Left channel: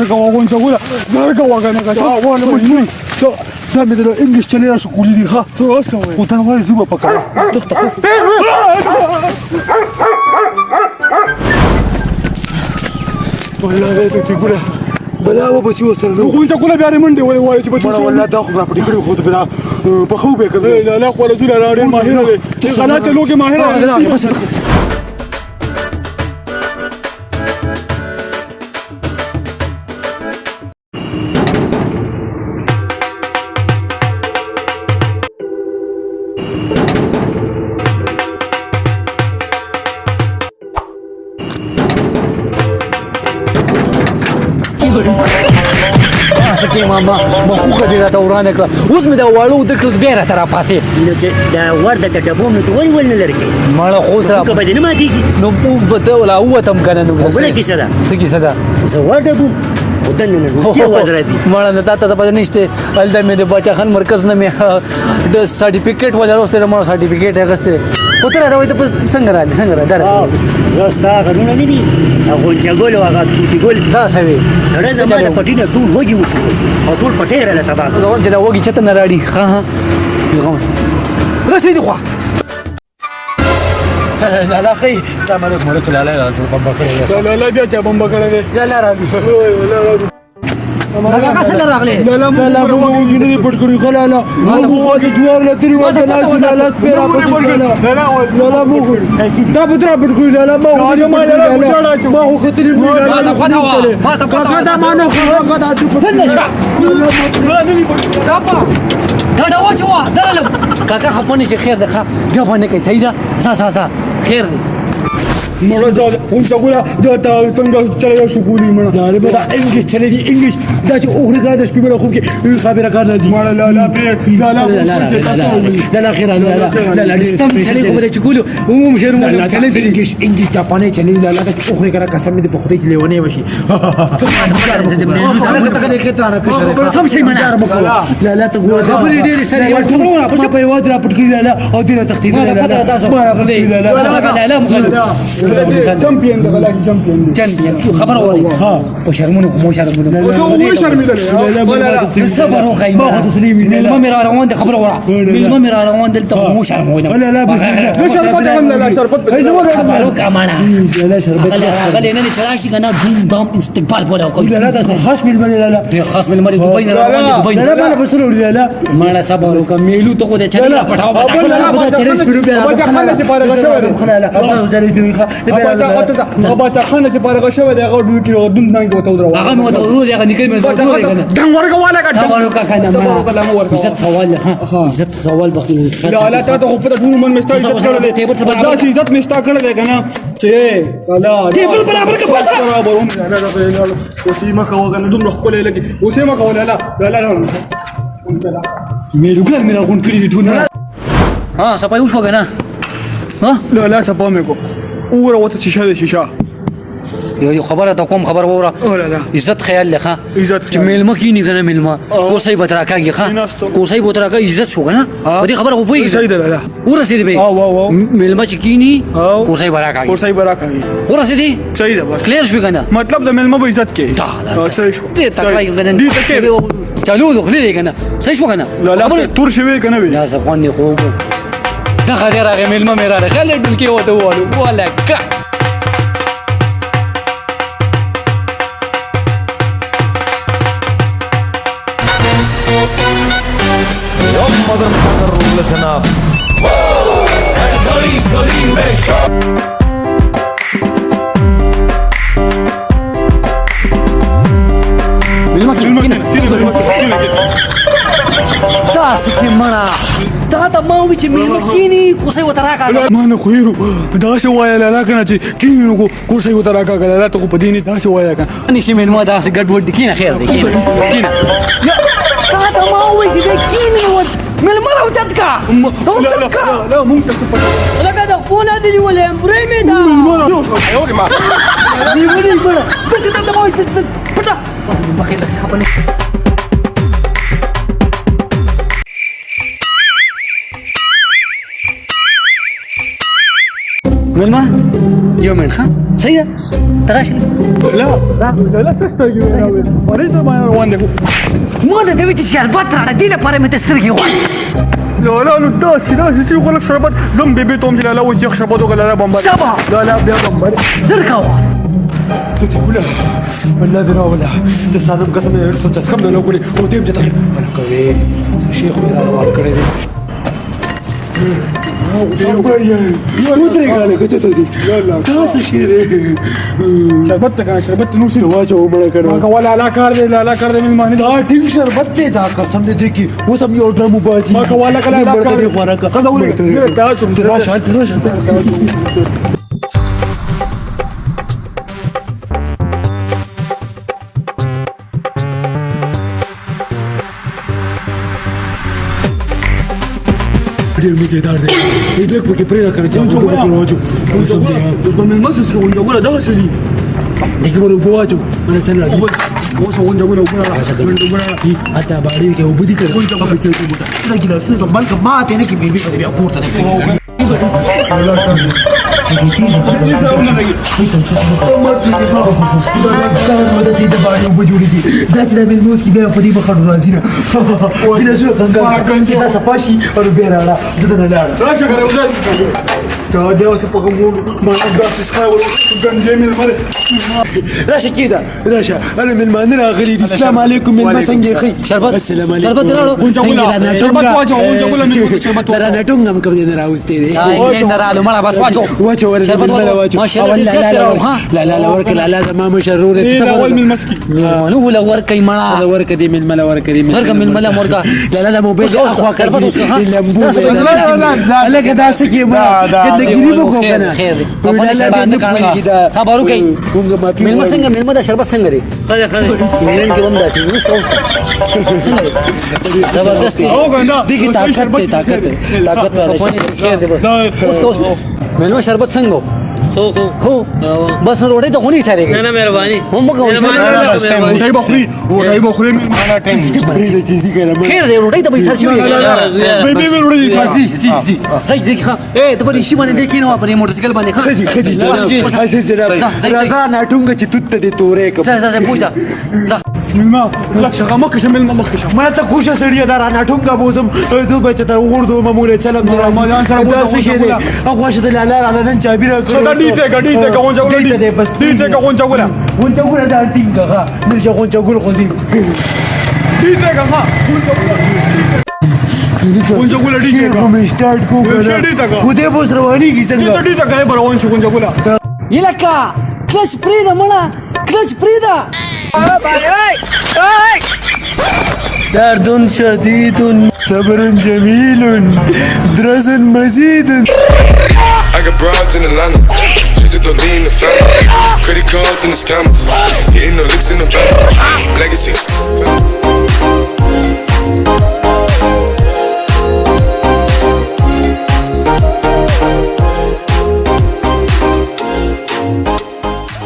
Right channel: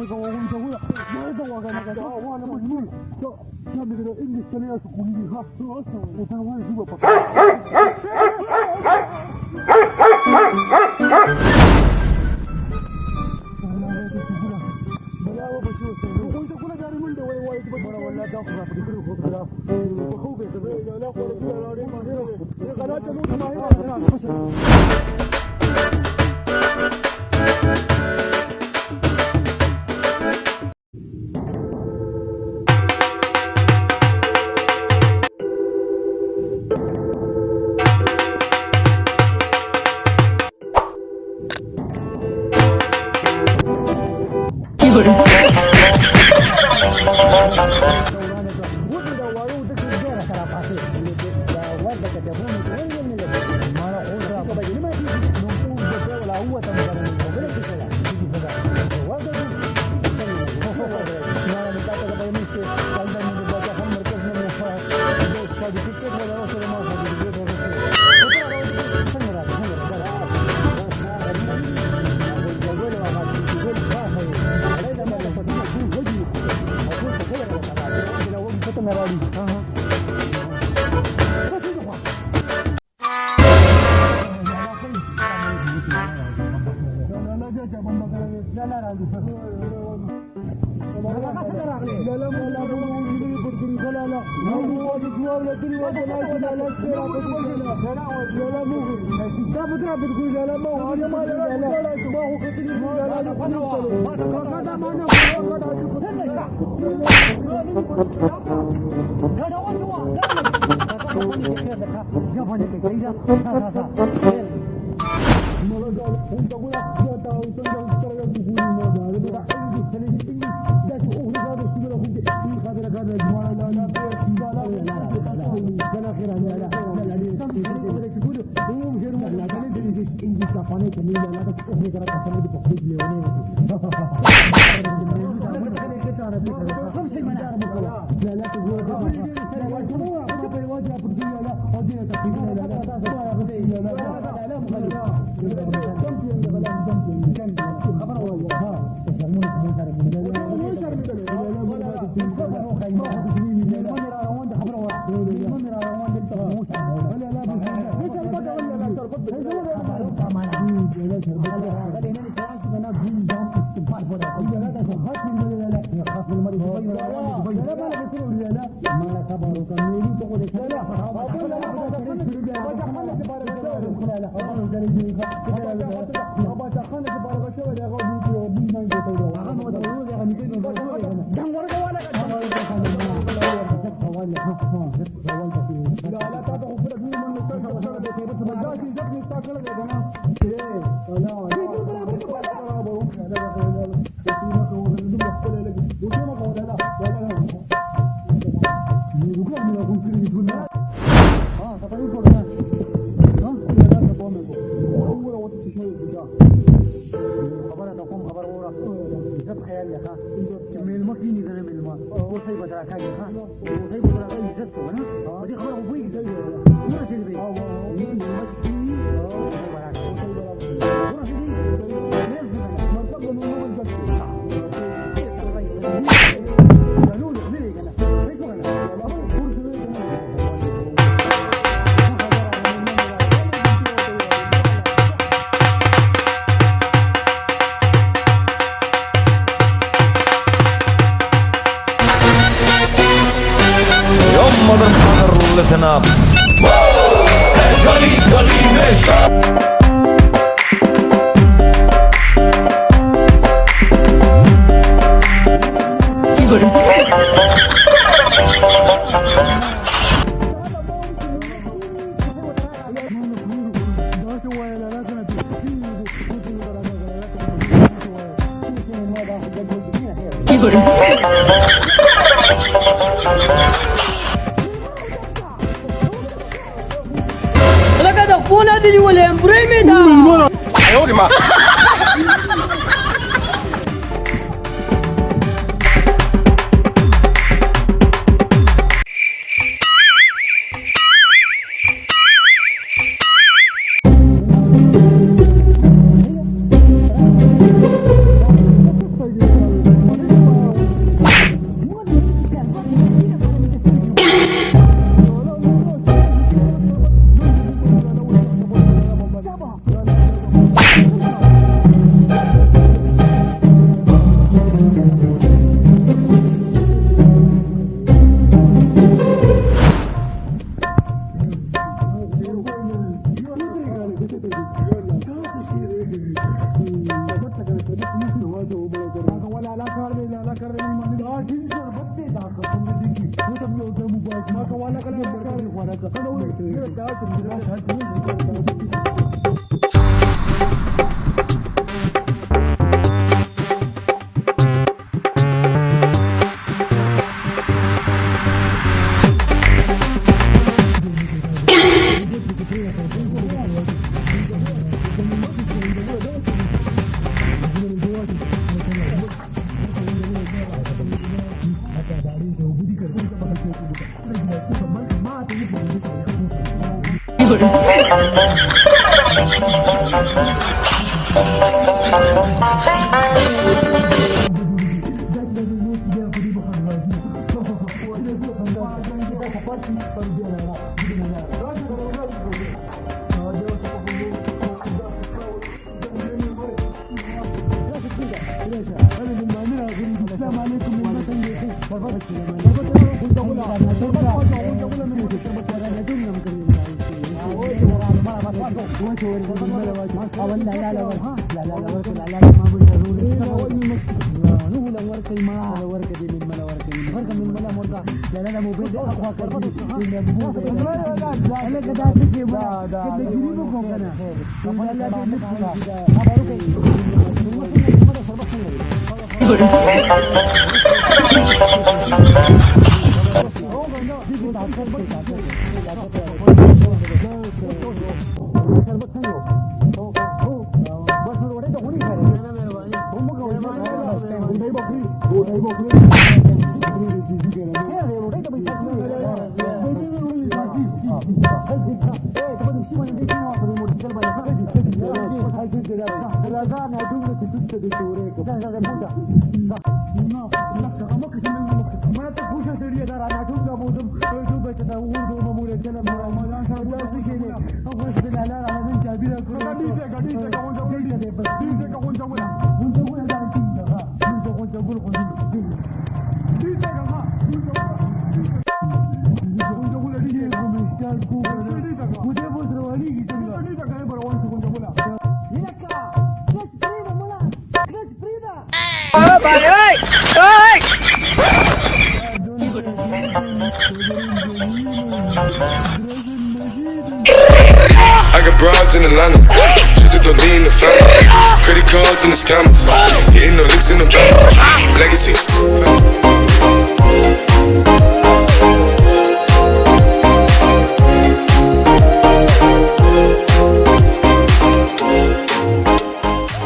Narga wagon sagula. Narga wagon ka. Wagon mo. So, sabi nila English channel sa kulili ha. So, asa mo. Utang wala zuba pa ka. Wallahi to tigula. Bala wa baci wata ne. Kun ta kula biya mun da wani waye ci baci. Wallahi da ku ba fadi kare ko ta bada. Ba khu be ka. La la ko zula la rin mahira ne. Kana ta loke mahira. उसमें दा वालू उधर क्लिक बेरा तेरा पासे دا ورده د ډبو مې ته ولې لرګي مالا خوسرا که بدل ما کیږي نو بده ولا هو تم کنه نو بل کی صدا سکی صدا زه ورده بو ودن نو کې ورده دي مالا نتا ته پته نشته الدا مې د بچا خان مرکز نه مې د سرټیفیکټ ولا روسته مو سرټیفیکټ هغسته پتر راوي ته څنګه را در زستا غنونه نه دي هغه جګول او هغه توتی ګول دا سوي سره زموږ پټینه ټول وږي وشو او ټول پټه رااله تبا نو چې دا وږي چته نه راړي ها ها رسېدي خو لا لا خي تعمل ملك لا لا لا بمبا لا لا بیا چا بمبا کړه لا لا را دا کا څنګه راغله لا لا لا مو وګینه پټ کړی خلا لا مو واګي جوار لا تری واګه لا لا سپیرا پټ کړی لا لا مو دا بدر پټ کړی لا ما ما هو کتری مو لا لا ما تا دا ما نه خو دا فنشا دا وچوا دا کاکا خپونه چې خیر ده بیا باندې کوي تایدا سا خیر مړه دا اون څنګه دا څنګه چلے شو ګوري مړه دا به دا انګلیش چلے دي انګلیش دا چې اوخري کا د شپې بل خو کې خبره کار نه دي مړه لا لا لا خیر لا سم چلے خبره چې ګولو عموم شهر مو چلے دي انګلیش جاپاني چلے لا لا چې اوخري کرا قسم دې په خدای کې لیونه وشي سم شي منه لا لا ته ګوره خبرې ډېرې سره ما په یو ځای پټ کړی لا او دې تختید لا چمپیون دا غلا چمپیون خبر اوري ها او شرمونه مو شرمونه مو شرمونه صبر وخي ما هو تسليم ما مر روان ده خبر ورا ما مر روان ده مو شرمونه لا لا ليش شربت لا شربت ايش هو خبرو كمان لا شربت خلينا نشراشي كنا بوم بام استقبال ولا لا لا ده خاص من المري لا لا خاص من المري دبي لا لا بس لا لا ما صبر وكميلو تو ده چلا پټاو بچا خانه چې پارغه شوی دی هغه ډول کې دم نه کوته درو هغه مو ته روز هغه نکړي مې زړه کنه دم ورګه والا کا دم ورګه کنه عزت سوال ها عزت سوال بخیل لا لا ته خو په ټول من مستا عزت کړل دی دا چې عزت مستا کړل دی کنه چې لا ټیبل برابر کا فاصله برابر هم نه اوسې ما کا وګنه دومره خپل لګي اوسې ما کا ولا لا لا مې لګر مې راغون کړی دی ټول ها سپایو شو کنه ها لا لا سپا مې کو اوره وته شیشه یو خبره ته کوم خبر وره عزت خیال لخه عزت چې میلمه کینی کنه میلمه کوسای بترا کاږي ښه کوسای بترا کا عزت شو کنه دې خبره خو پوي صحیح ده لا ورسېدی به میلمه چې کینی کوسای برا کاږي کوسای برا کاږي ورسېدی صحیح ده بس کلیر شو کنه مطلب د میلمه به عزت کې صحیح شو ته تکای کنه چالو غلې کنه صحیح شو کنه لا لا تور شوی کنه وی لا زبان خو دا غیر هغه میلمه مې راغله خلک دل کې وته ولا کا motherfucker, listen up. ما نه خویرو دا څه وایي لا کنه چې کینو کو کوسه یو تراکا کړه ته په دې نه دا څه وایي کنه نشي مې نو دا څه ګډ وډ کینه خیر دی دا ما وایي چې کینه مل مرو چتکا لا مونږ څه لکه د خپل دې ولې امبرې مې دا ايوه ما argument ها صحیح ده تراش مو ده نوې چې شربت راړه دې لپاره مې ته سترګې لا لا لا داسي داسي يقول لك شربت ذنبي بيتهم لا لا وجه شربت ولا لا بمبر سبا لا لا بيا بمبر زر کوه ولا ولا بنا ولا تصادم قسم سوچ کم نه وګړي او دې مته انا کوي شیخ میرا نو کړی ودري قال لك تاسو شي شربت کا شربت نو سي واچو مړ کړو ولا لا کار دې لا کار دې مې دا ټینګ شربت دې دا قسم دې کی و سم یو ډرم باجی ما ولا کلا لا کار دې خورا کا دا چوم دې راشه देख porque preda cara ya yo no lo pues me más es que una buena da sali dike wani bowajo wani tana da wasu wanda wani wani ata bari ke ubudi ka ko ta ba ke muta ina gida su zan banka ma ta nake bebe ka da biya porta dace da min muski da fadi ba kanu razina gida su kan ta safashi a rubera la da na rasha ga da da wasu fagan ma da su sai gan jamil mare rasha kida rasha ana min manira ghalidi assalamu alaikum min masange kai شربت السلام عليكم شربت لارو شربت واجو من شربت ترى نتونغم كم دي راوستي اي نرالو مالا بس واجو واجو ورد شربت واجو ما شاء الله لا لا لا ورك لا لا ما مشرور اول من المسكي نو ولا ورك مالا لا ورك دي من ملا ورك دي ورك من ملا مرقا لا لا لا مو بيجي اخوا كان اللمبو لا كده سكي ما كده قريبو كنا لا لا بنقول كده خبرو كي من مسنگ من مدا شربت سنگري خير خير من جون داسي زبردست دي طاقت ملما شربت څنګه خو بس روټي ته خوني سره نه مهرباني هم کوم دای بخوري او دای بخوري من ما ټینګ دې چیزی کړه خیر دې روټي ته به سر شي بي روټي فرسي جی جی صحیح دې ښه اے ته په شي باندې دې کینو په موټر سایکل باندې ښه خدي جناب حاضر جناب راغا نټونګ چې توت دې تورې کوم ځه پوښه ځه ما لك شغا ما كشم ما كشم ما تكوش سريع دار انا ټونګه بوزم دو بچ ته وردو مموله چلم رمضان سره بوزم شي دي اخوا شته لا لا على نن چابيره کړه دي ته کوم جوړ دي بس دي ته کوم جوړ وون جوړ دا ټینګه نشه کوم جوړ خوځي دي ته کوم وون جوړ دي کوم سٹارټ کو خو دې بوس رواني کی څنګه دي ته غي روان شو کوم جوړ یلکا کلچ پریدا مړه کلچ پریدا درد شديد صبر جميل درس مزيد I got broads in Atlanta, just to lean the family. Credit cards and the scammers, hitting the licks in the bank. Legacies.